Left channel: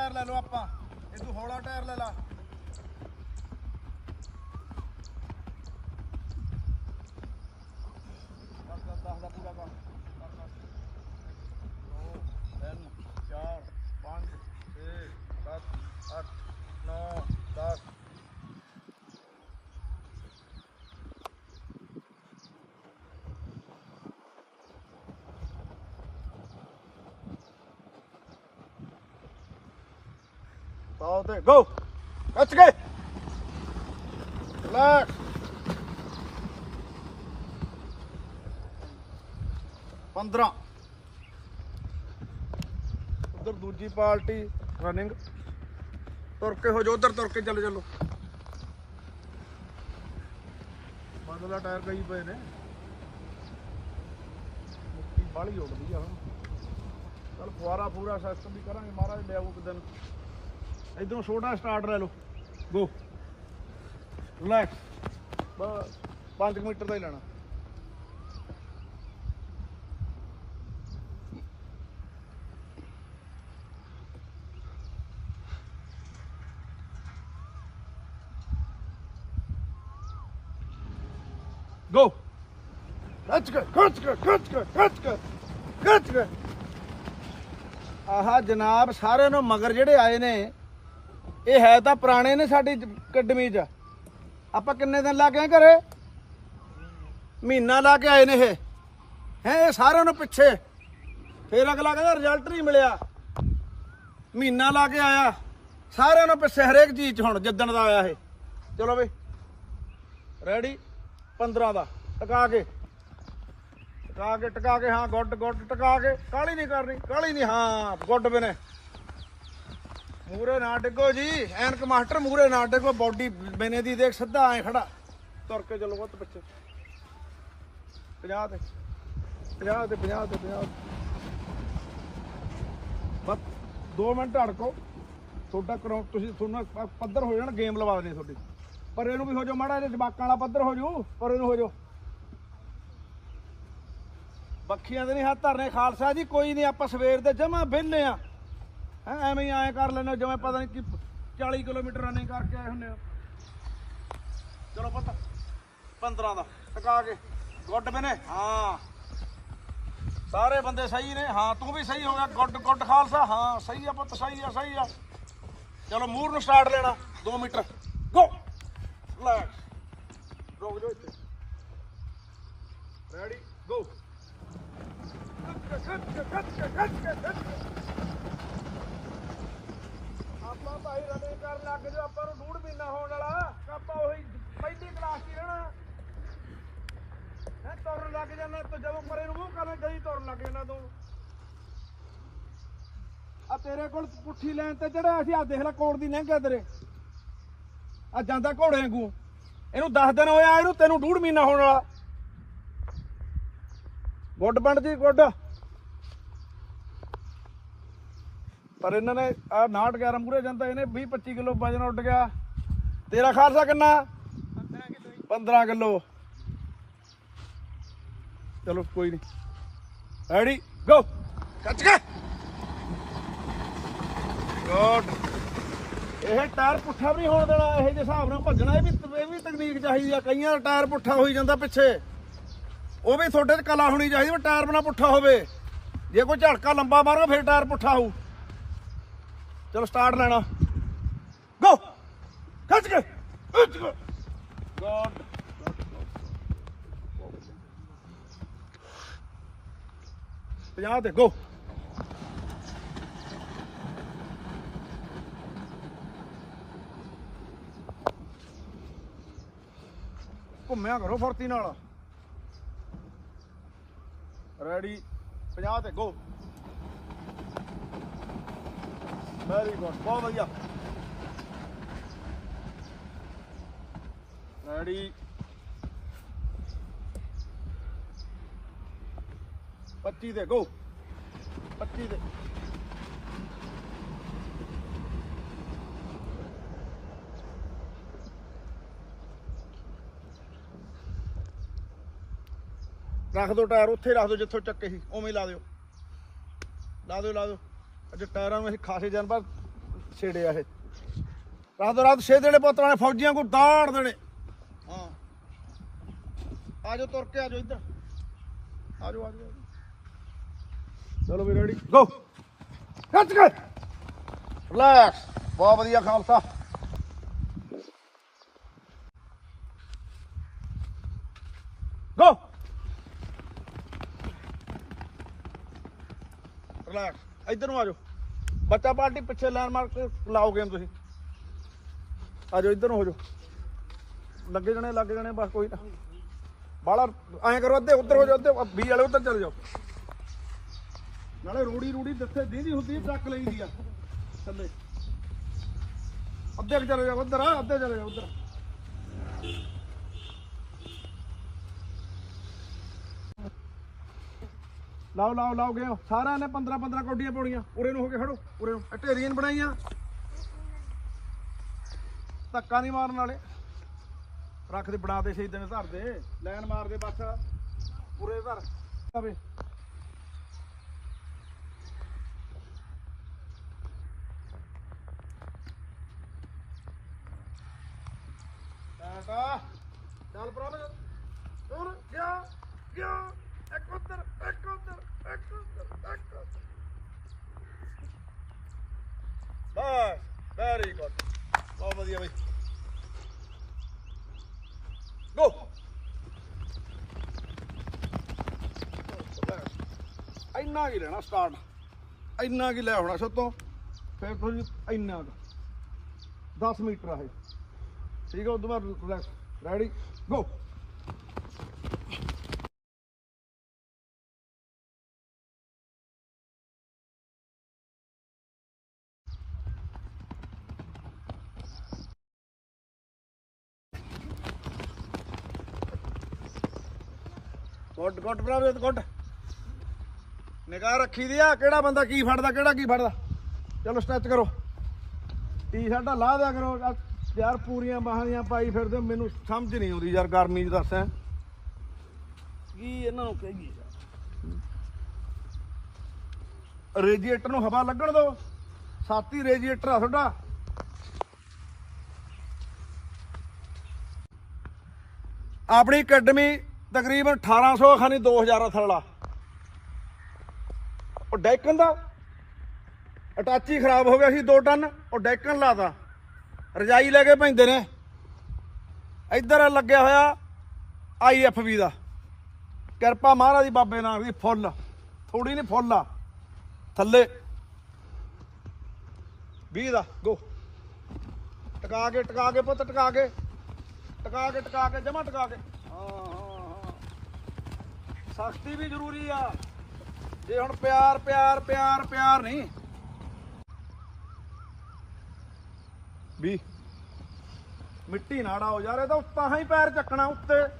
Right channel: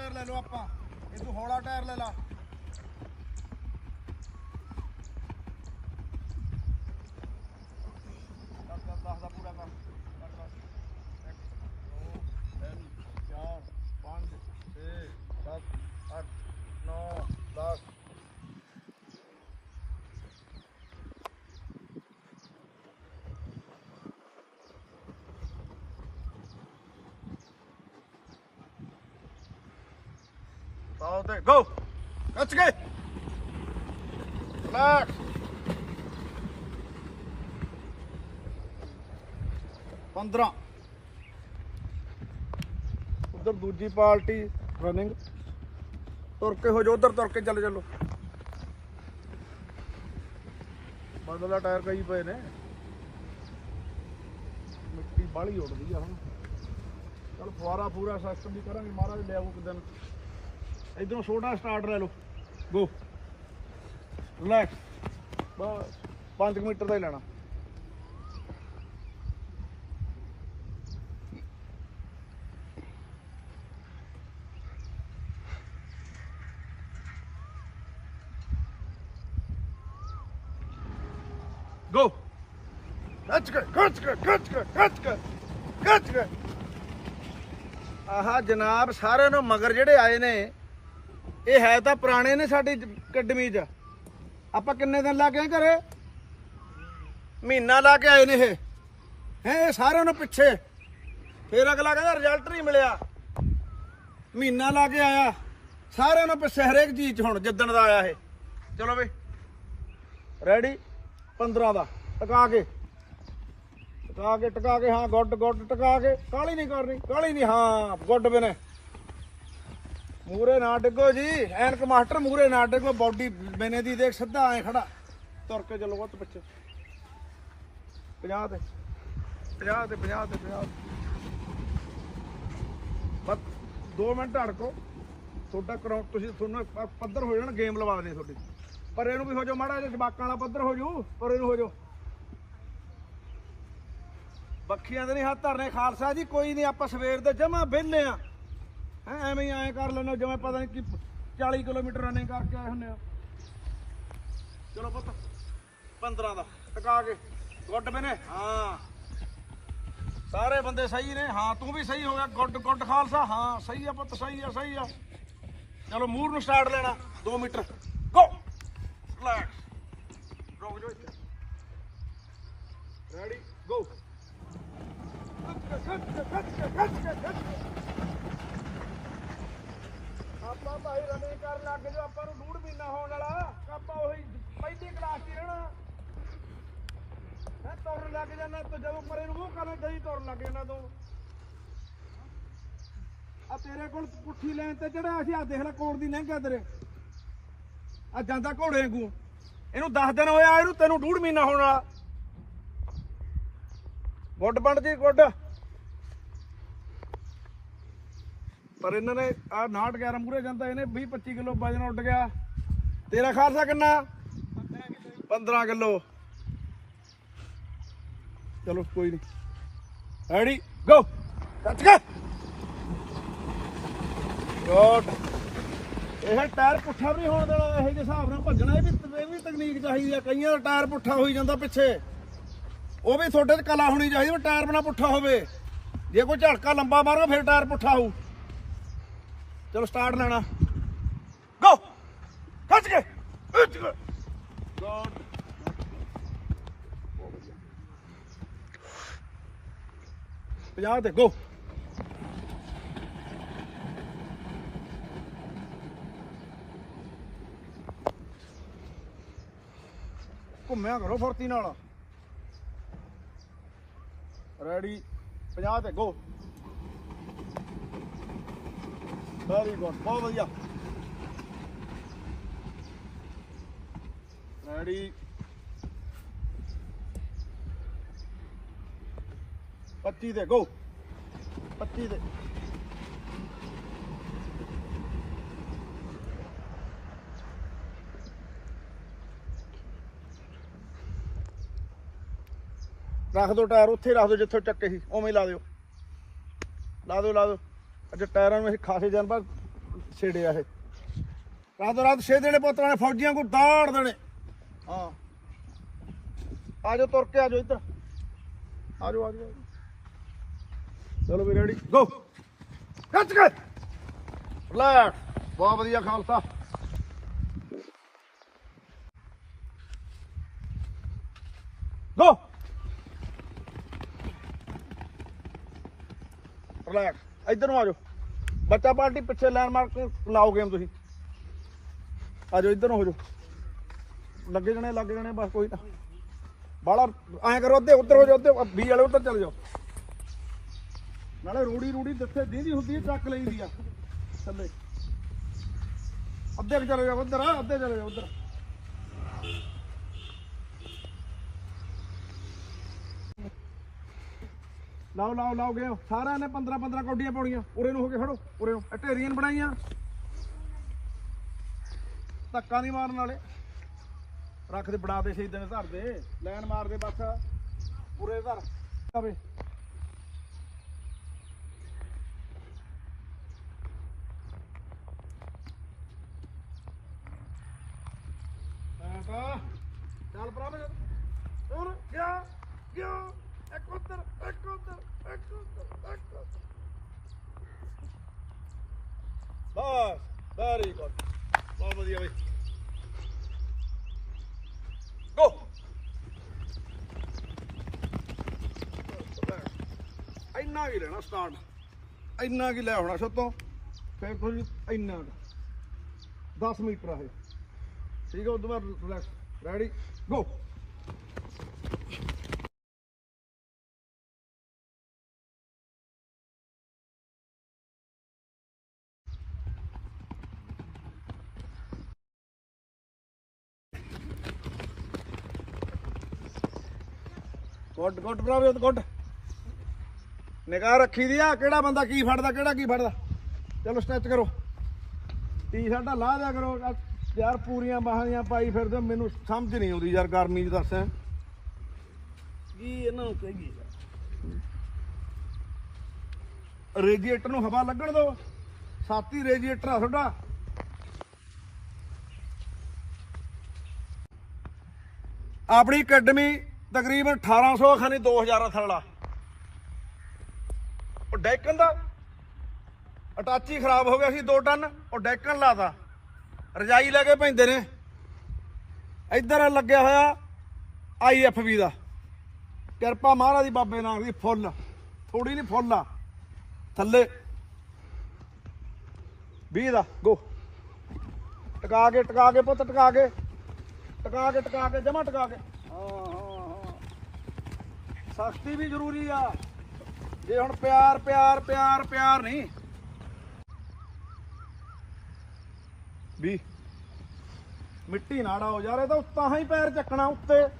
Tyre ਲੈ ਲਓ ਆਪਾਂ। ਇਹ ਤੂੰ ਹੌਲਾ ਟਾਇਰ ਲੈ ਲਾ ਦਸ ਦਸ ਦਸ ਦਾ ਪੂਰਾ ਕਰ ਕਰ ਕਰ ਇੱਕ, ਦੋ, ਤਿੰਨ ਚਾਰ ਪੰਜ ਛੇ ਸੱਤ ਅੱਠ ਨੌ ਦਸ ਪਾਓ ਤੇ ਗੋ ਲੱਚ ਗਏ ਰਿਲੈਕਸ 15 ਉਧਰ ਦੂਜੀ ਪਾਰਟੀ ਰਨਿੰਗ ਤੁਰ ਕੇ ਹੋ ਜਾ ਉਧਰ ਤੁਰ ਕੇ ਚੱਲ ਚੱਲੋ। ਬਦਲਾ ਟਾਇਰ ਕਈ ਪਏ ਨੇ। ਮਿੱਟੀ ਬਾਲੀ ਉੱਡਦੀ ਆ ਹੁਣ। ਚਲ ਫੁਆਰਾ ਪੂਰਾ ਸਿਸਟਮ ਵੀ ਕਰਾਂਗੇ ਮਹਾਰਾਜ, ਲਿਆਓ ਕਿਦਨ ਇਧਰੋਂ ਛੋਟਾ ਸਟਾਰਟ ਲੈ ਲਓ। ਗੋ ਰਿਲੈਕਸ ਬਸ 5 ਮੀਟਰ ਦਾ ਹੀ ਲੈਣਾ। ਗੋ ਕੱਚ ਕੇ ਕੱਚ ਕੇ ਕੱਚ ਕੇ ਕੱਚ ਕੇ ਕੱਚ ਕੇ। ਆਹ ਜਨਾਬ, ਸਾਰਿਆਂ ਨੂੰ ਮਗਰ ਜਿਹੜੇ ਆਏ ਨੇ ਇਹ ਹੈ ਤਾਂ ਪੁਰਾਣੇ ਨੇ ਸਾਡੀ ਅਕੈਡਮੀ 'ਚ ਆਪਾਂ ਕਿੰਨੇ ਦਿਨ ਲਾ ਕੇ ਆਏ ਘਰੇ? ਮਹੀਨਾ ਲਾ ਕੇ ਆਏ ਨੇ ਇਹ। ਹੈ, ਇਹ ਸਾਰਿਆਂ ਨੂੰ ਪਿੱਛੇ। ਫੇਰ ਅਗਲਾ ਕਹਿੰਦਾ ਰਿਜ਼ਲਟ ਨਹੀਂ ਮਿਲਿਆ। ਮਹੀਨਾ ਲਾ ਕੇ ਆਇਆ। ਸਾਰਿਆਂ ਨੂੰ ਪਿੱਛੇ, ਹਰੇਕ ਚੀਜ਼ 'ਚ ਹੁਣ, ਜਿੱਦਣ ਦਾ ਆਇਆ ਇਹ। ਚਲੋ ਬਈ। ਰੈਡੀ 15 ਦਾ। ਟਕਾ ਕੇ। ਟਕਾ ਕੇ ਟਕਾ ਕੇ, ਹਾਂ, ਗੁੱਡ ਗੁੱਡ, ਟਕਾ ਕੇ। ਕਾਲੀ ਨਹੀਂ ਕਰਨੀ ਕਾਲੀ ਨਹੀਂ, ਹਾਂ, ਗੁੱਡ ਬਿਨੇ। ਮੂਰੇ ਨਾ ਡਿੱਗੋ ਜੀ, ਐਨਕ ਮਾਸਟਰ ਮੂਰੇ ਨਾ ਡਿੱਗੋ, ਬਾਡੀ ਬਨੇ ਦੀ ਦੇਖ, ਸਿੱਧਾ ਐ ਖੜਾ। ਤੁਰ ਕੇ ਚੱਲੋ ਵੱਤ ਪਿੱਛੇ। 50 ਤੇ 50 ਤੇ 50 ਤੇ 50 ਬਸ 2 ਮਿੰਟ ਅੜਕੋ ਤੁਹਾਡਾ ਕਰੋ ਤੁਸੀਂ ਤੁਹਾਨੂੰ ਪੱਧਰ ਹੋ ਜਾਣਾ, ਗੇਮ ਲਵਾ ਦੇ ਤੁਹਾਡੀ। ਪਰ ਇਹਨੂੰ ਵੀ ਹੋ ਜਾਓ ਮਾੜਾ ਜਿਹਾ ਜਵਾਕਾਂ ਵਾਲਾ ਪੱਧਰ ਹੋ ਜਾਓ ਪਰ ਇਹਨੂੰ ਹੋ ਜਾਓ। ਬੱਖੀਆਂ ਦੇ ਨਹੀਂ ਹੱਥ ਧਰਨੇ, ਖਾਲਸਾ ਜੀ, ਕੋਈ ਨਹੀਂ, ਆਪਾਂ ਸਵੇਰ ਦੇ ਜਮਾ ਵਿਹਲੇ ਆ। ਹੈ, ਐਵੇਂ ਹੀ ਐਂ ਕਰ ਲੈਣੇ ਜਿਵੇਂ ਪਤਾ ਨਹੀਂ ਕਿ 40 ਕਿਲੋਮੀਟਰ ਰਨਿੰਗ ਕਰਕੇ ਆਏ ਹੁੰਨੇ ਆ ਚਲੋ ਪਤਾ 15 ਦਾ, ਟਕਾ ਕੇ। ਗੁੱਡ ਮੈਨੇ, ਹਾਂ। ਸਾਰੇ ਬੰਦੇ ਸਹੀ ਨੇ, ਹਾਂ, ਤੂੰ ਵੀ ਸਹੀ ਹੋ ਗਿਆ। ਗੁੱਡ ਗੁੱਡ ਖਾਲਸਾ, ਹਾਂ, ਸਹੀ ਆ ਪੁੱਤ, ਸਹੀ ਆ ਸਹੀ ਆ। ਚਲੋ, ਮੂਰ ਨੂੰ ਸਟਾਰਟ ਲੈਣਾ 2 ਮੀਟਰ। ਗੋ ਲੈ ਰੁਕ ਜਾਓ ਇੱਥੇ। ਰੈਡੀ ਗੋ ਆਪਾਂ ਭਾਈ ਰਨਿੰਗ ਕਰਨ ਲੱਗ ਜਾਓ ਆਪਾਂ ਨੂੰ ਡੂੜ ਮਹੀਨਾ ਹੋਣ ਵਾਲਾ ਆਪਾਂ ਉਹੀ ਪਹਿਲੀ ਕਲਾਸ 'ਚ ਰਹਿਣਾ। ਹੈ, ਤੁਰਨ ਲੱਗ ਜਾਂਦਾ ਤੇ ਜਦੋਂ ਪਰੇ ਨੂੰ ਮੂੰਹ ਕਰਨਾ, ਜਦੀ ਤੁਰਨ ਲੱਗ ਜਾਂਦਾ ਤੂੰ। ਆ ਤੇਰੇ ਕੋਲ ਪੁੱਠੀ ਲੈਣ ਤੇ ਜਿਹੜਾ ਅਸੀਂ ਆ ਦੇਖ ਲੈ ਕੋੜ ਦੀ ਲੰਘਿਆ ਤੇਰੇ। ਆ ਜਾਂਦਾ ਘੋੜੇ ਵਾਂਗੂ। ਇਹਨੂੰ 10 ਦਿਨ ਹੋਇਆ, ਇਹਨੂੰ ਤੈਨੂੰ ਡੂੜ ਮਹੀਨਾ ਹੋਣ ਵਾਲਾ। ਗੁੱਡ ਪਿੰਡ ਦੀ ਗੁੱਡ। ਪਰ ਇਹਨਾਂ ਨੇ ਆ 69 11 ਮੂਰੇ ਜਾਂਦਾ, ਇਹਨੇ 20 25 ਕਿਲੋ ਵਜਨ ਉੱਡ ਗਿਆ। ਤੇਰਾ ਖਾਲਸਾ ਕਿੰਨਾ? 15 ਕਿਲੋ। 15 ਕਿਲੋ ਚਲੋ, ਕੋਈ ਨਹੀਂ ਰੈਡੀ ਗੋ ਕੱਚ ਕੇ! ਗੁੱਡ ਇਹ ਟਾਇਰ ਪੁੱਠਾ ਵੀ ਨਹੀਂ ਹੋਣ ਦੇਣਾ, ਇਹ ਜਿਹੇ ਹਿਸਾਬ ਨਾਲ ਭੱਜਣਾ, ਇਹ ਵੀ ਇਹ ਵੀ ਤਕਨੀਕ ਚਾਹੀਦੀ ਆ। ਕਈਆਂ ਦਾ ਟਾਇਰ ਪੁੱਠਾ ਹੋਈ ਜਾਂਦਾ ਪਿੱਛੇ। ਉਹ ਵੀ ਤੁਹਾਡੇ 'ਚ ਕਲਾ ਹੋਣੀ ਚਾਹੀਦੀ ਵੀ ਟਾਇਰ ਬਣਾ ਪੁੱਠਾ ਹੋਵੇ। ਜੇ ਕੋਈ ਝੜਕਾ ਲੰਬਾ ਮਾਰੋ ਫਿਰ ਟਾਇਰ ਪੁੱਠਾ ਹੋਊ ਚਲੋ ਸਟਾਰਟ ਲੈਣਾ। ਗੋ ਖੱਚ ਕੇ। ਪੰਜਾਹ ਤੇ ਗੋ ਘੁੰਮਿਆ ਕਰੋ ਫੁਰਤੀ ਨਾਲ। ਰੈਡੀ 50 ਤੇ ਗੋ ਵੈਰੀ ਗੁੱਡ ਬਹੁਤ ਵਧੀਆ। ਰੈਡੀ 25 ਦੇ ਗੋ 25 ਤੇ ਰੱਖ ਦਿਓ ਟਾਇਰ, ਉੱਥੇ ਰੱਖ ਦਿਓ ਜਿੱਥੋਂ ਚੱਕੇ ਸੀ, ਉਵੇਂ ਲਾ ਦਿਓ। ਲਾ ਦਿਓ ਲਾ ਦਿਓ। ਅੱਜ ਟਾਇਰਾਂ ਨੂੰ ਅਸੀਂ ਖਾਸੇ ਬਾਅਦ ਛੇੜਿਆ ਇਹ। ਰਾਤੋਂ ਰਾਤ ਛੇ ਦੇਣੇ ਪੁੱਤਰਾਂ ਨੇ ਫੌਜੀਆਂ ਕੋ ਦਾੜ ਦੇਣੇ। ਹਾਂ। ਆਜੋ ਤੁਰ ਕੇ ਆਜੋ ਇੱਧਰ। ਆਜੋ ਆਜੋ ਚਲੋ ਵੀ ਰੈਡੀ ਗੋ ਖਿੱਚ ਕੇ। ਰਿਲੈਕਸ ਬਹੁਤ ਵਧੀਆ ਖਾਲਸਾ ਗੋ ਰਿਲੈਕਸ ਇੱਧਰ ਨੂੰ ਆ ਜਾਓ। ਬੱਚਾ ਪਾਰਟੀ ਪਿੱਛੇ ਲੈਂਡਮਾਰਕ ਲਾਓ ਗੇਮ ਤੁਸੀਂ। ਆ ਜਾਓ, ਇੱਧਰ ਨੂੰ ਹੋ ਜਾਓ। ਲੱਗੇ ਜਣੇ ਲੱਗੇ ਜਣੇ, ਬਸ ਕੋਈ ਨਾ। ਬਾਲਾ ਐਂ ਕਰੋ, ਅੱਧੇ ਉੱਧਰ ਹੋ ਜਾਓ, ਅੱਧੇ ਬੀ ਵਾਲੇ ਉੱਧਰ ਚਲੇ ਜਾਓ। ਨਾਲੇ ਰੂੜੀ ਰੂੜੀ ਦਿੱਥੇ ਦੀਦੀ ਹੁੰਦੀ ਹੈ ਟਰੱਕ ਲਈਦੀ ਆ। ਥੱਲੇ। ਅੱਧੇ ਚਲੇ ਜਾਓ, ਉੱਧਰ ਆ, ਅੱਧੇ ਚਲੇ ਜਾਓ, ਉੱਧਰ। ਲਾਓ ਲਾਓ ਲਾਓ ਗਏ ਸਾਰਿਆਂ ਨੇ 15 15 ਕੌਡੀਆਂ ਪਾਉਣੀਆਂ। ਉਰੇ ਨੂੰ ਹੋ ਕੇ ਖੜੋ। ਉਰੇ ਨੂੰ। ਢੇਰੀਆਂ ਬਣਾਈਆਂ। ਧੱਕਾ ਨਹੀਂ ਮਾਰਨ ਵਾਲੇ। ਰੱਖ ਦੇ, ਬਣਾ ਦੇ ਸ਼ਹੀਦਾਂ ਦੇ ਧਰ ਦੇ। ਲੈਣ ਮਾਰ ਦੇ ਬਸ। ਪੂਰੇ ਧਰ। ਆਵੇ। ਚੱਲ ਭਰਾ ਹੁਣ ਗਿਆ ਗਿਆ ਇੱਕ ਉੱਧਰ ਇੱਕ ਉੱਧਰ ਇੱਕ ਉੱਧਰ ਇੱਕ ਉੱਧਰ ਬਸ ਵੈਰੀ ਗੁੱਡ ਬਹੁਤ ਵਧੀਆ ਬਈ। ਗੋ ਇੰਨਾ ਕੀ ਲੈਣਾ ਸਟਾਰਟ ਇੰਨਾ ਕੀ ਲੈ ਆਉਣਾ ਸਤੋਂ ਫਿਰ ਤੁਸੀਂ ਇੰਨਾ ਕੁ। 10 ਮੀਟਰ ਆ ਇਹ। ਠੀਕ ਹੈ ਉਦੋਂ ਬਾਅਦ relax ready go good good ਬਰਾਬਰ ਗੁੱਡ। ਨਿਗਾਹ ਰੱਖੀ ਦੀ ਆ ਕਿਹੜਾ ਬੰਦਾ ਕੀ ਫੜਦਾ ਕਿਹੜਾ ਕੀ ਫੜਦਾ। ਚਲੋ ਸਟੈਚ ਕਰੋ। ਟੀ ਸ਼ਰਟਾਂ ਲਾ ਦਿਆ ਕਰੋ। ਯਾਰ ਪੂਰੀਆਂ ਬਾਹਾਂ ਦੀਆਂ ਪਾਈ ਫਿਰਦੇ ਮੈਨੂੰ ਸਮਝ ਨਹੀਂ ਆਉਂਦੀ ਯਾਰ ਗਰਮੀ 'ਚ ਦੱਸ। ਕੀ ਇਹਨਾਂ ਨੂੰ ਯਾਰ? ਰੇਡੀਏਟਰ ਨੂੰ ਹਵਾ ਲੱਗਣ ਦਿਓ। ਸਾਤੀ ਰੇਡੀਏਟਰ ਆ ਤੁਹਾਡਾ। ਆਪਣੀ ਅਕੈਡਮੀ ਤਕਰੀਬਨ 1800 ਖਾਨੀ 2000 ਥਲਾ ਉਹ ਡੈਕਨ ਦਾ? ਅਟਾਚੀ ਖਰਾਬ ਹੋ ਗਿਆ ਸੀ 2 ਟਨ, ਉਹ ਡੈਕਨ ਲਾਤਾ। ਰਜਾਈ ਲੈ ਕੇ ਪੈਂਦੇ ਨੇ। ਇੱਧਰ ਲੱਗਿਆ ਹੋਇਆ ਆਈਐਫਬੀ ਦਾ। ਕਿਰਪਾ ਮਹਾਰਾਜ ਦੀ ਬਾਬੇ ਨਾਨਕ ਦੀ ਫੁੱਲ। ਥੋੜੀ ਨਹੀਂ ਫੁੱਲ ਆ। ਥੱਲੇ। 20 ਦਾ, ਗੋ। ਟਕਾ ਕੇ ਟਕਾ ਕੇ ਪੁੱਤ, ਟਕਾ ਕੇ। ਟਕਾ ਕੇ ਟਕਾ ਕੇ, ਜਮਾ ਟਕਾ ਕੇ। ਹਾਂ ਹਾਂ ਸਖਤੀ ਵੀ ਜ਼ਰੂਰੀ ਆ। ਜੇ ਹੁਣ ਪਿਆਰ ਪਿਆਰ ਪਿਆਰ ਪਿਆਰ ਨਹੀਂ। ਵੀ ਮਿੱਟੀ ਨਾੜਾ ਹੋ ਜਾ ਰਿਹਾ ਤਾਂ ਉੱਤਾਂ ਹੀ ਪੈਰ ਚੱਕਣਾ ਉੱਤੇ।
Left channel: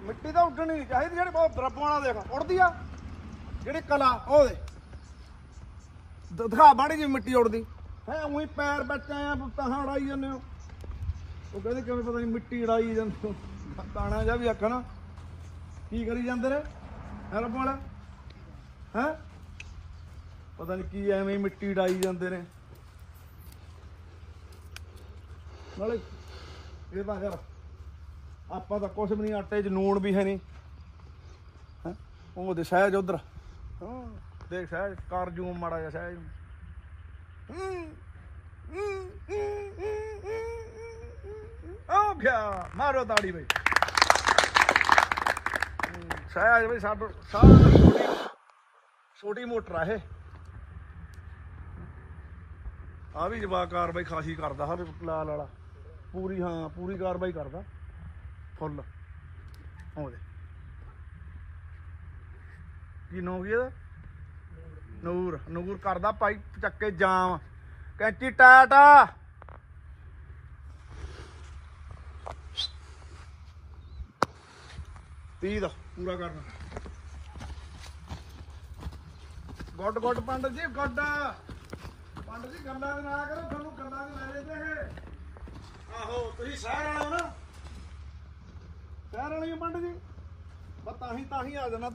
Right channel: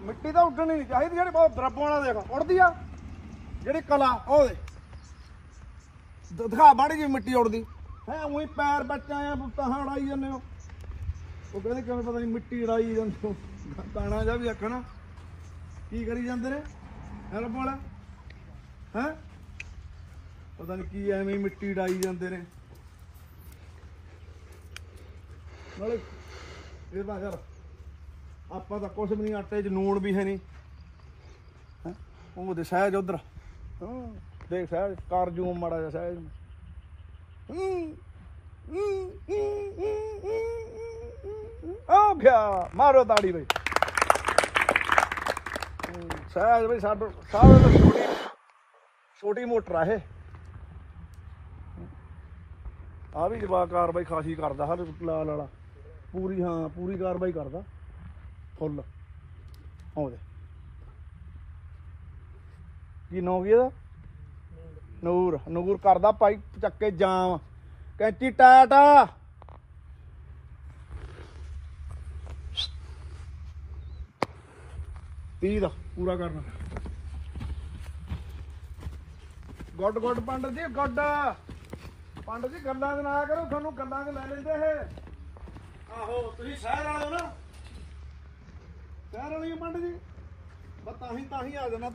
ਮਿੱਟੀ ਤਾਂ ਉੱਡਣੀ ਨਹੀਂ ਚਾਹੀਦੀ, ਜਿਹੜੀ ਬਹੁਤ ਦਰਬਾਂ ਵਾਲਾ ਦੇਖ, ਉੱਡਦੀ ਆ। ਜਿਹੜੀ ਕਲਾ, ਉਹ ਦੇ ਦ- ਦਿਖਾ ਬਾੜੀ ਜੀ ਮਿੱਟੀ ਉੜਦੀ ਹੈ ਉਹੀ ਪੈਰ ਵਿੱਚ ਆਇਆ ਤਾਂ ਉਡਾਈ ਜਾਂਦੇ ਹੋ। ਉਹ ਕਹਿੰਦੇ ਕਿਵੇਂ ਪਤਾ ਨਹੀਂ ਮਿੱਟੀ ਉਡਾਈ ਜਾਂਦੇ ਹੋ। ਤਾਣਾ ਜਾ ਵੀ ਆਖਣਾ। ਕੀ ਕਰੀ ਜਾਂਦੇ ਨੇ ਹੈਲਪ ਵਾਲਾ ਹੈ ਪਤਾ ਨਹੀਂ ਕੀ ਐਵੇਂ ਹੀ ਮਿੱਟੀ ਡਾਈ ਜਾਂਦੇ ਨੇ ਨਾਲੇ ਇਹ ਤਾਂ ਯਾਰ ਆਪਾਂ ਤਾਂ ਕੁਛ ਵੀ ਨਹੀਂ ਆਟੇ 'ਚ ਨੂਣ ਵੀ ਹੈ ਨਹੀਂ ਹੈ ਉਹ ਦੇ ਸਹਿਜ ਉਧਰ ਦੇਖ ਸਹਿਜ ਕਰ ਜੂ ਮਾੜਾ ਜਿਹਾ ਸਹਿਜ ਆ ਗਿਆ ਮਾਰੋ ਤਾੜੀ ਬਈ ਸਹਿਜ ਬਈ ਸਾਡੋ ਤੋਂ ਛੋਟੀ ਮੋਟਰ ਆ ਇਹ। ਆ ਵੀ ਜਵਾਬ ਕਾਰਵਾਈ ਖਾਸੀ ਕਰਦਾ ਹਰ ਲਾਲ ਵਾਲਾ। ਪੂਰੀ ਹਾਂ ਪੂਰੀ ਕਾਰਵਾਈ ਕਰਦਾ। ਫੁੱਲ। ਆਉਂਦੇ ਕੀ ਨਾਂ ਇਹਦਾ? ਨੂਰ। ਨੂਰ। ਕਰਦਾ ਭਾਈ ਚੱਕੇ ਜਾਮ। ਕੈਂਚੀ ਟਾਟਾ। ਤੀਹ ਦਾ, ਪੂਰਾ ਕਰਨਾ। ਗੁੱਡ ਗੁੱਡ, ਪੰਡਤ ਜੀ, ਗੁੱਡ। ਪੰਡਤ ਜੀ, ਗੱਲਾਂ ਚ ਨਾ ਕਰੋ, ਤੁਹਾਨੂੰ ਗੱਲਾਂ ਚ ਲੈ ਲੈਂਦੇ ਇਹ। ਆਹੋ, ਤੁਸੀਂ ਸ਼ਹਿਰ ਵਾਲੇ ਹੋ ਨਾ। ਸ਼ਹਿਰ ਵਾਲੇ ਹੋ ਪੰਡਤ ਜੀ। ਬਸ ਤਾਂ ਹੀ ਤਾਂ ਹੀ ਆ ਜਾਣਾ।